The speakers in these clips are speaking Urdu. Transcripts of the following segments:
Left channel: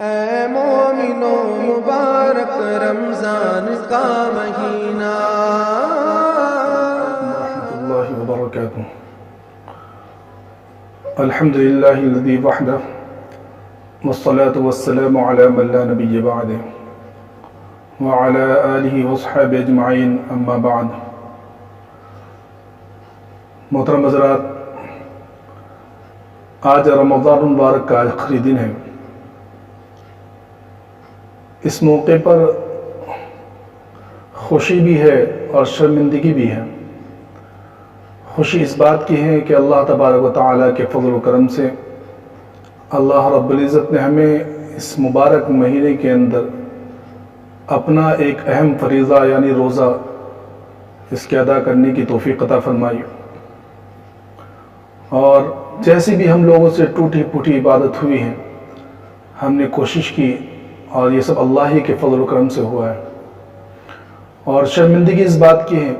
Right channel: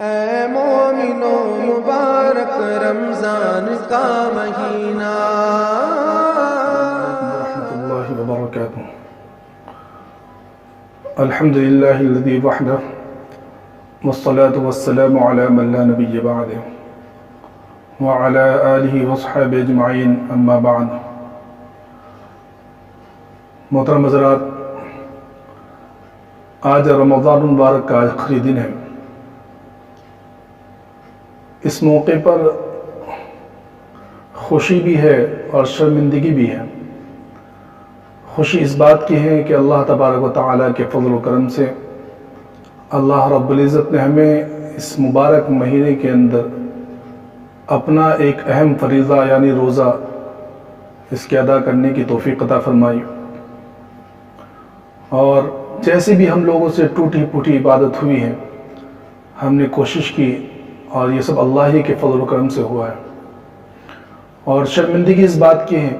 اے مومنو مبارک رمضان کا مہینہ ورحمۃ اللہ وبرکاتہ۔ الحمد للہ الذی وحدہ والصلاة والسلام علی من لا نبی بعدہ وعلی آلہ وصحبہ اجمعین، اما بعد۔ محترم حضرات، آج رمضان المبارک کا آخری دن ہے۔ اس موقع پر خوشی بھی ہے اور شرمندگی بھی ہے۔ خوشی اس بات کی ہے کہ اللہ تبارک و تعالیٰ کے فضل و کرم سے اللہ رب العزت نے ہمیں اس مبارک مہینے کے اندر اپنا ایک اہم فریضہ یعنی روزہ اس کے ادا کرنے کی توفیق عطا فرمائی، اور جیسی بھی ہم لوگوں سے ٹوٹی پھوٹی عبادت ہوئی ہے، ہم نے کوشش کی اور یہ سب اللہ ہی کے فضل و کرم سے ہوا ہے۔ اور شرمندگی اس بات کی ہے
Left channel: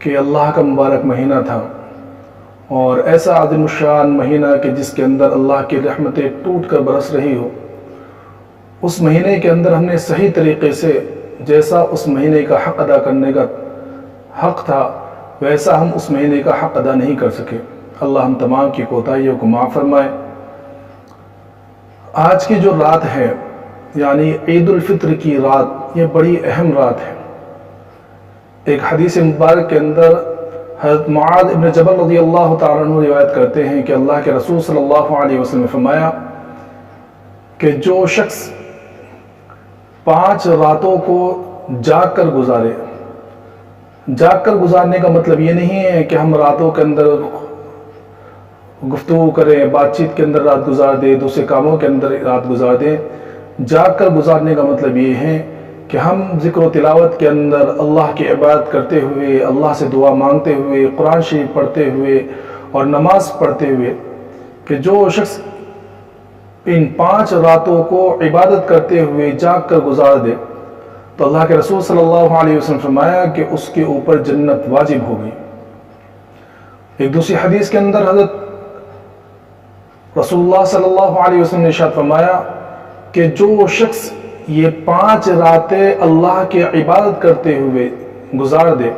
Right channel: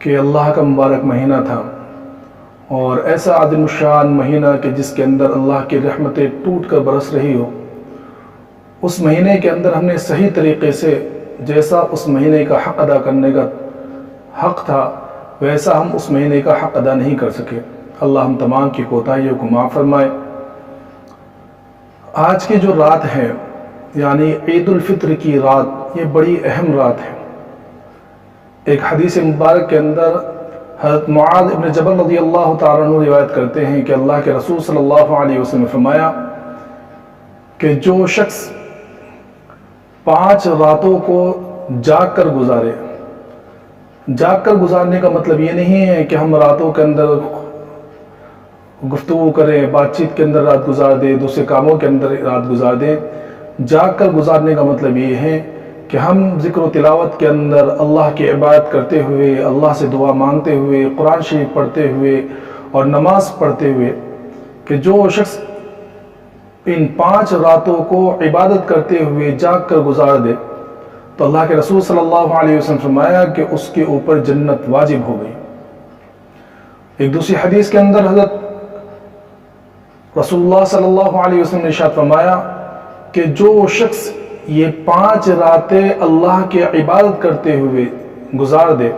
کہ اللہ کا مبارک مہینہ تھا، اور ایسا عظیم الشان مہینہ کہ جس کے اندر اللہ کی رحمتیں ٹوٹ کر برس رہی ہو، اس مہینے کے اندر ہم نے صحیح طریقے سے جیسا اس مہینے کا حق ادا کرنے کا حق تھا ویسا ہم اس مہینے کا حق ادا نہیں کر سکے۔ اللہ ہم تمام کی کوتاہیوں کو معاف فرمائے۔ آج کی جو رات ہے یعنی عید الفطر کی رات، یہ بڑی اہم رات ہے۔ ایک حدیث مبارک کے اندر حضرت معاذ ابن جبل رضی اللہ تعالیٰ عنہ روایت کرتے ہیں کہ اللہ کے رسول صلی اللہ علیہ وسلم نے فرمایا کہ جو شخص 5 راتوں کو جاگ کر گزارے، جاگ کر گزارنے کا مطلب یہ نہیں ہے کہ ہم راتوں کے اندر گفتگو کریں، بات چیت کے اندر رات گزار دیں، دوسرے کاموں کے اندر رات گزار دیں۔ جاگ کر گزارنے کا مطلب یہ ہے کہ ہم ذکر و تلاوت کے اندر اللہ کی عبادت کرتے ہوئے، اللہ سے دعا مانگتے ہوئے، قرآن شریف پڑھتے ہوئے اور نماز پڑھتے ہوئے، کہ جو شخص ان 5 راتوں کو عبادت کرتے ہوئے جاگ کر گزار دے تو اللہ کے رسول صلی اللہ علیہ وسلم فرمایا کہ اس کے اوپر جنت واجب ہو گئی۔ ایک دوسری حدیث کے اندر حضرت رسول اللہ صلی اللہ علیہ وسلم نے ارشاد فرمایا کہ جو شخص یہ 5 راتیں اللہ کی عبادت کرتے ہوئے گزار دے،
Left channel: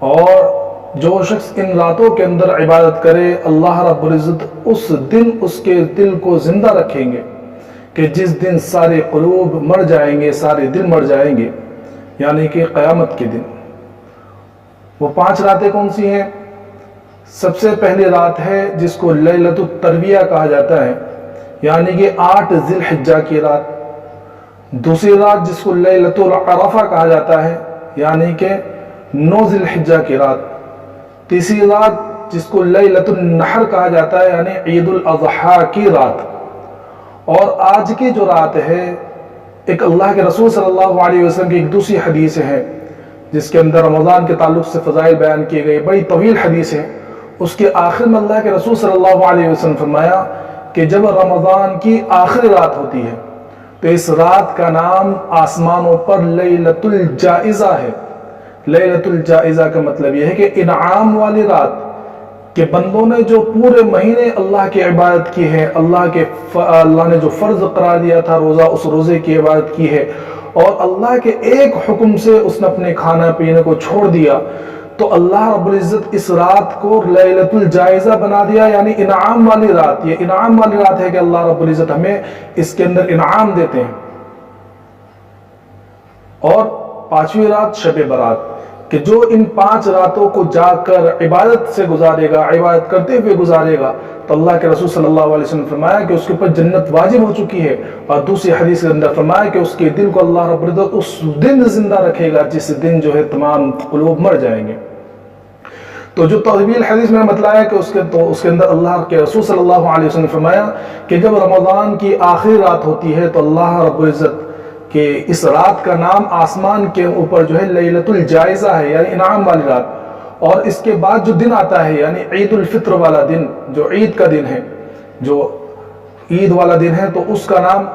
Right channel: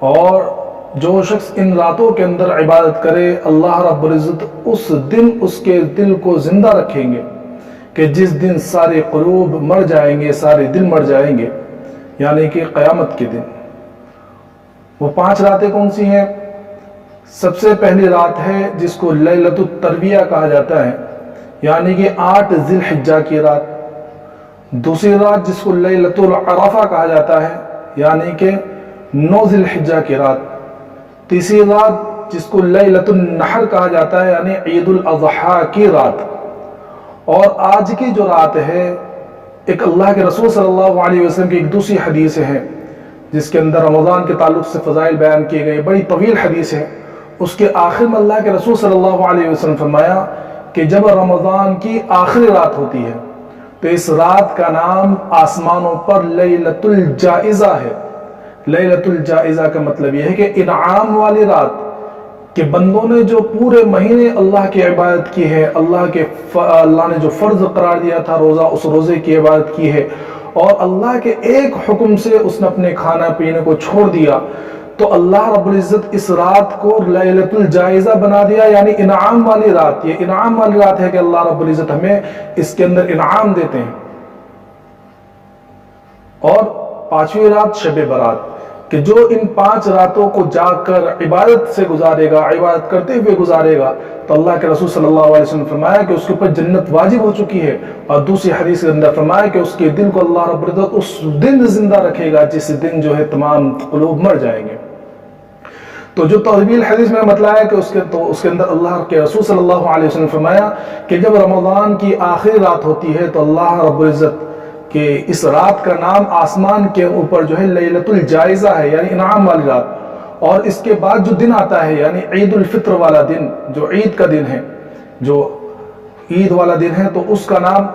اور جو شخص ان راتوں کے اندر عبادت کرے، اللہ رب العزت اس دن اس کے دل کو زندہ رکھیں گے کہ جس دن سارے قلوب مر جائیں گے، سارے دل مر جائیں گے، یعنی کہ قیامت کے دن۔ وہ 5 راتیں کون سی ہیں؟ سب سے پہلی رات ہے جس کو لیلۃ الترویہ کہا جاتا ہے، یعنی کہ 8 ذی الحجہ کی رات۔ دوسری رات جس کو لیلۃ العرفہ کہا جاتا ہے، یعنی کہ 9 ذی الحجہ کی رات۔ تیسری رات جس کو لیلۃ النحر کہا جاتا ہے، یعنی عید الاضحیٰ کی رات۔ اور آج کی جو رات ہے، ایک اللہ کے رسول صلی اللہ علیہ وسلم کی ایک دوسری حدیث ہے جس کے اندر رمضان کے تعلق سے فضائل بیان کیے گئے، بڑی طویل حدیث ہے۔ اس کے آخر میں اللہ کے رسول صلی اللہ علیہ وسلم فرمایا کہ جب رمضان کی آخری رات ہوتی ہے تو اس رات کا نام آسمانوں پر لیلۃ الجائزہ ہے۔ لیلۃ الجائزہ کا مطلب یہ ہے کہ انعام والی رات، کہ بندوں نے جو پورے مہینے اللہ کی عبادت کی ہے، اللہ نے جو فرض قرار دیا تھا روزہ، اس روزے کی عبادت کی ہے، اور اللہ کے ایک حکم سے اس نے اپنے کھانا پینے کو چھوڑ دیا، تو اللہ رب العزت اس رات کو لیلۃ الجائزہ بنا دیا، یعنی انعام والی رات۔ یہ انعام والی رات ہے کہ اللہ رب العزت ہمیں اس کے اندر انعام دیتے ہیں۔ اور 5ویں رات شب برات، کہ جو ان 5 راتوں کو جاگ کر عبادت سے گزارے گا، عبادت کرتے ہوئے گزارے گا، تو اللہ کے رسول صلی اللہ علیہ وسلم نے فرمایا کہ اس کے اوپر جنت واجب ہو چکی ہے۔ اور دوسری حدیث کے اندر فرمایا کہ اس کے دل کو اللہ رب العزت اس دن زندہ رکھے گا جس دن جو ہے تمام قلوب مر جائیں گے۔ تو جو طویل حدیث میں نے بتلایا کہ اس کے اندر اللہ کے رسول صلی اللہ علیہ وسلم نے فرمایا کہ جب رمضان کی آخری رات ہوتی ہے تو اللہ رب العزت کہ اس رات کا نام آسمان کے اوپر جو ہے لیلۃ الجائزہ ہے، یعنی انعام والی رات۔ اور اس کے بعد جو دن آتا ہے یعنی عید الفطر والا دن، جو عید کا دن ہے، جو عید والا دن ہے، تو اس کا نام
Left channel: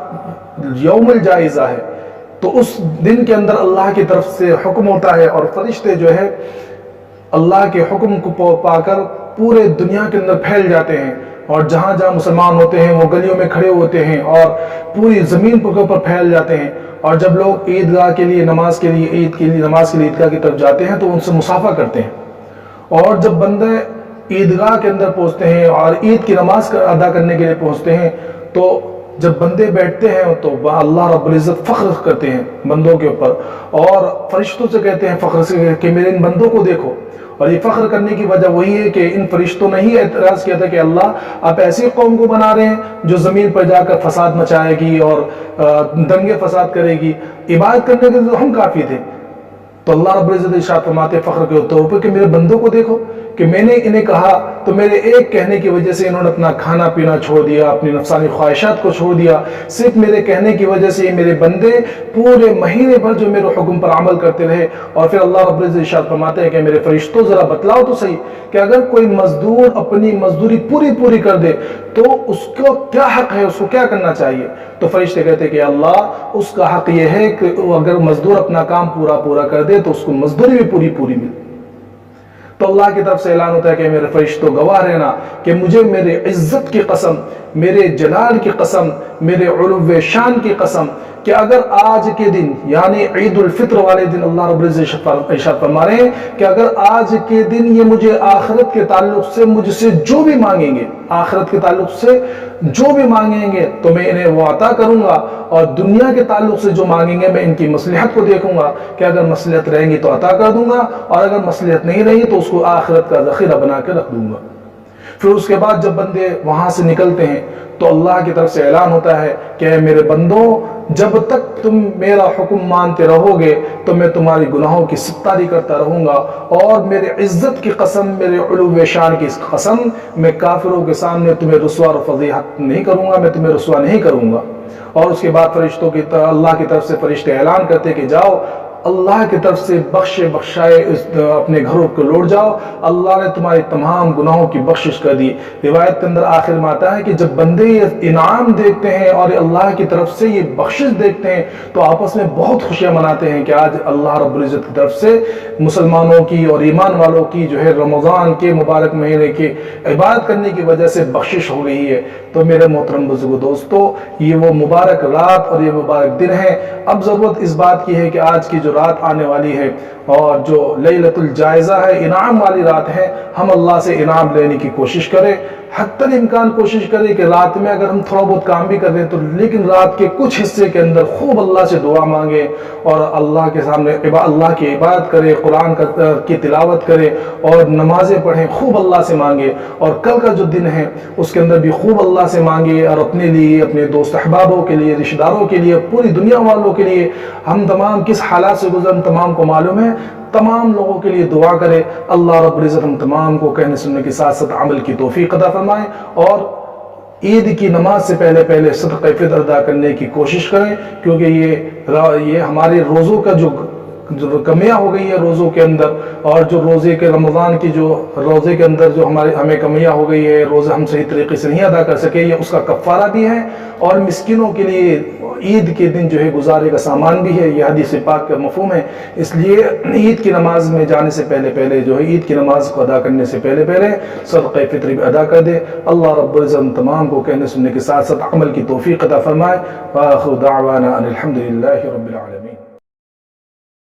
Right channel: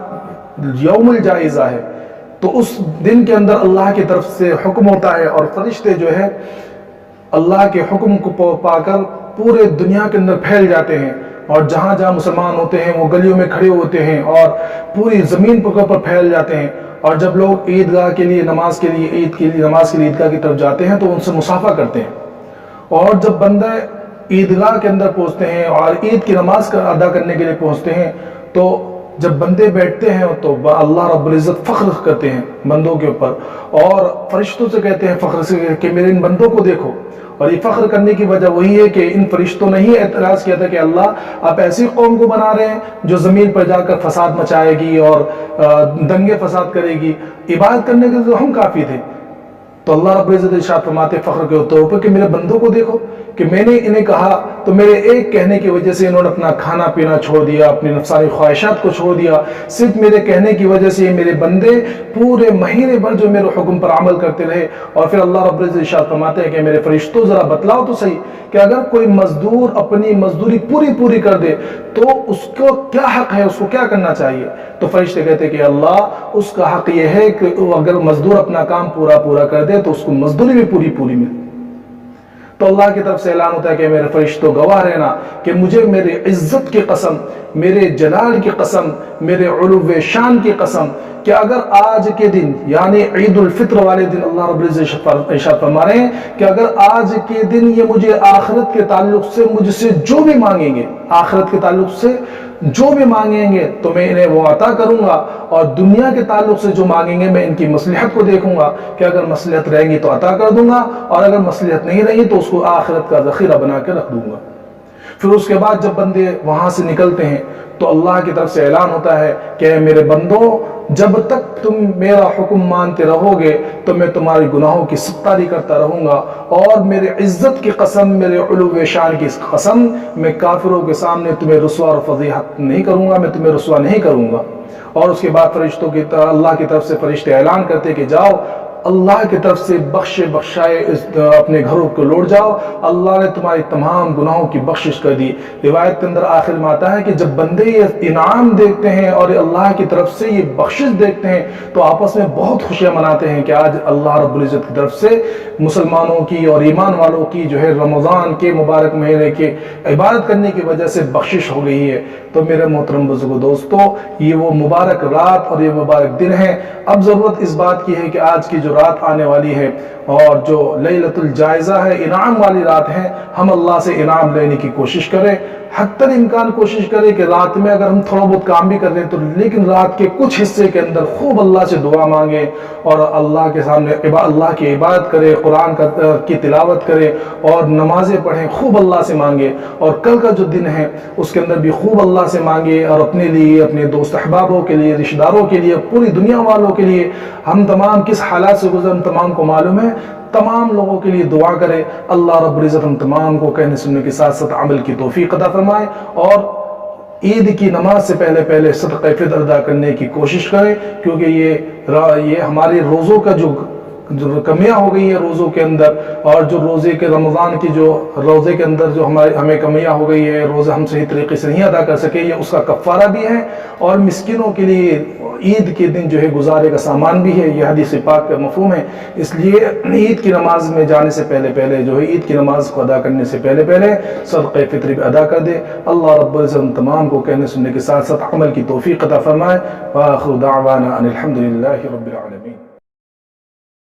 یوم الجائزہ ہے۔ تو اس دن کے اندر اللہ کی طرف سے حکم ہوتا ہے، اور فرشتے جو ہے اللہ کے حکم کو پا کر پورے دنیا کے اندر پھیل جاتے ہیں، اور جہاں جہاں مسلمان ہوتے ہیں وہ گلیوں میں کھڑے ہوتے ہیں اور پوری زمین کے اوپر پھیل جاتے ہیں، اور جب لوگ عیدگاہ کے لیے نماز کے لیے عیدگاہ کی طرف جاتے ہیں تو ان سے مصافحہ کرتے ہیں، اور جب بندے عیدگاہ کے اندر پہنچتے ہیں اور عید کی نماز ادا کرنے کے لیے پہنچتے ہیں تو جب بندے بیٹھتے ہیں تو اللہ رب العزت فخر کرتے ہیں بندوں کے اوپر، اور فرشتوں سے کہتے ہیں فخر سے کہ میرے ان بندوں کو دیکھو۔ اور یہ فخر کرنے کی وجہ وہی ہے کہ ان فرشتوں نے ہی اعتراض کیا تھا کہ اللہ آپ ایسی قوم کو بنا رہے ہیں جو زمین پر جا کر فساد مچائے گی اور دنگے فساد کرے گی، عبادت کرنے کے تو ہم کافی تھے۔ تو اللہ رب العزت ارشاد فرماتے فخر کے طور پر کہ میرے بندوں کو دیکھو کہ میں نے انہیں کہا تو میرے ایک کہنے کی وجہ سے انہوں نے اپنا کھانا پینا چھوڑ دیا، اپنی نفسانی خواہشات کو چھوڑ دیا، صرف میرے کہنے کی وجہ سے میرے بندے پورے مہینے بھر جو میرے حکم پر عمل کرتے رہے۔ اور پھر اللہ رب العزت ارشاد فرماتے ہیں کہ میرے فرشتوں ذرا بتلاؤ تو صحیح کہ اگر کوئی مزدور اپنی مزدوری پوری کر دے تو اس کو کیا حق ہے، اس کو کیا کرنا چاہیے؟ تو فرشتے کہتے ہیں کہ اللہ اس کا حق یہ ہے کہ اگر مزدور اپنا کام پورا کر دے تو اس کو مزدوری بھی پوری ملے۔ تو اللہ کی طرف سے اعلان ہوتا ہے کہ میرے فرشتوں گواہ رہنا کہ مجھے میرے عزت کی قسم، میرے جلال کی قسم، میرے علو شان کی قسم کہ اگر آج کے دن یعنی عید الفطر والے دن اللہ رب العزت ارشاد فرما رہے ہیں کہ اگر آج کے دن یہ مجھے آخرت کے تعلق سے مجھ سے جو بھی مانگیں گے، آخرت کے تعلق سے جو بھی مانگیں گے تو میں انہیں وہ عطا کروں گا، اور دنیا کے تعلق سے جو مانگیں گے میں ان کی مصلحت کو دیکھوں گا کہ اگر مصلحت رہیں گی تو عطا کر دوں گا، اور اگر مصلحت نہیں رہی تو اس کو آخرت کا ذخیرہ بنا کے رکھ دوں گا۔ پھر اس کے بعد جب بندے وہاں سے نکلتے ہیں تو اللہ کی طرف سے اعلان ہوتا ہے کہ اے میرے بندوں، جب تک تم میرا حکم مانتے رہو گے تو میں تمہاری گناہوں کی ستاری کرتا رہوں گا، اور میرے عزت کی قسم، میرے علو شان کی قسم، میں کافروں کے سامنے تمہیں رسوا اور فضیحت نہیں کروں گا، میں تمہیں رسوا نہیں کروں گا۔ اور اس کے بعد فرشتوں کی اللہ کی طرف سے فرشتے اعلان کرتے کہ جاؤ اللہ کی طرف سے بخشائے اپنے گھروں کو لوٹ جاؤ، اللہ نے تمہاری تمام گناہوں کی بخشش کر دی۔ روایت کے اندر آخر میں آتا ہے کہ جب بندے یہ انعام دیکھتے ہیں اور اللہ کی طرف سے یہ بخشش دیکھتے ہیں تو آپس میں بہت خوشیاں مناتے ہیں کہ آج اللہ رب العزت کی طرف سے مسلمانوں کی اور ایمان والوں کی جو ہے رمضان کے مبارک مہینے کی عبادت کرنے کی وجہ سے بخشش ہو گئی ہے۔ تو میرے محترم بزرگوں دوستو، یہ وہ مبارک رات اور یہ مبارک دن ہے۔ اب ضرورت اس بات کی ہے کہ آج کی جو رات آنے والی ہے اور جو لیلۃ الجائزہ ہے، انعام والی رات ہے، ہم اللہ سے انعام لینے کی کوشش کریں، حتی الامکان کوشش کریں کہ رات میں اگر ہم تھوڑا بہت کام بھی کر لیں تو لیکن رات کے کچھ حصے کے اندر خوب اللہ سے دعا مانگیں اور اللہ کے سامنے اللہ کی عبادت کریں، قرآن کی تلاوت کریں اور نمازیں پڑھیں، خوب اللہ سے مانگیں۔ اور کل کا جو دن ہے اس کے اندر بھی خوب اللہ سے مانگیں، اور اپنے لیے، اپنے دوست احبابوں کے لیے، رشتہ داروں کے لیے، پوری دنیا والوں کے لیے، ہم تمام کس حالات سے گزر ہم تمام کو معلوم ہے، تمام لوگوں کے لیے دعا کرے۔ اللہ رب العزت ہم تمام کو کہنے سننے کے ساتھ ساتھ عمل کی توفیق عطا فرمائے، اور عید کی نماز سے پہلے صدقہ فطر ادا کرنے کی کوشش کریں، کیونکہ یہ ہمارے روزوں کا جو کمیاں ہو گئی ہیں روزوں کے اندر، اور جو روزے کے رمضان کی جو روزے کے اندر جو ہمیں کمیاں ہو گئی ہے، روزے ہم صحیح طریقے سے نہیں ادا کر سکے، یہ اس کا کفارہ بھی ہے، اور مسکینوں کے لیے عید کے دن جو ہے گزارے کا سامان بھی ہے، یہ حدیث پاک کا مفہوم ہے۔ اس لیے عید کی نماز میں جانے سے پہلے جو ہے عید کی نماز کو ادا کرنے سے پہلے صدقہ فطر بھی ادا کر دے۔ اللہ رب العزت ہم تمام کو کہنے سننے کے ساتھ ساتھ عمل کی توفیق عطا فرمائے۔ وآخر دعوانا ان الحمد للہ رب العالمین۔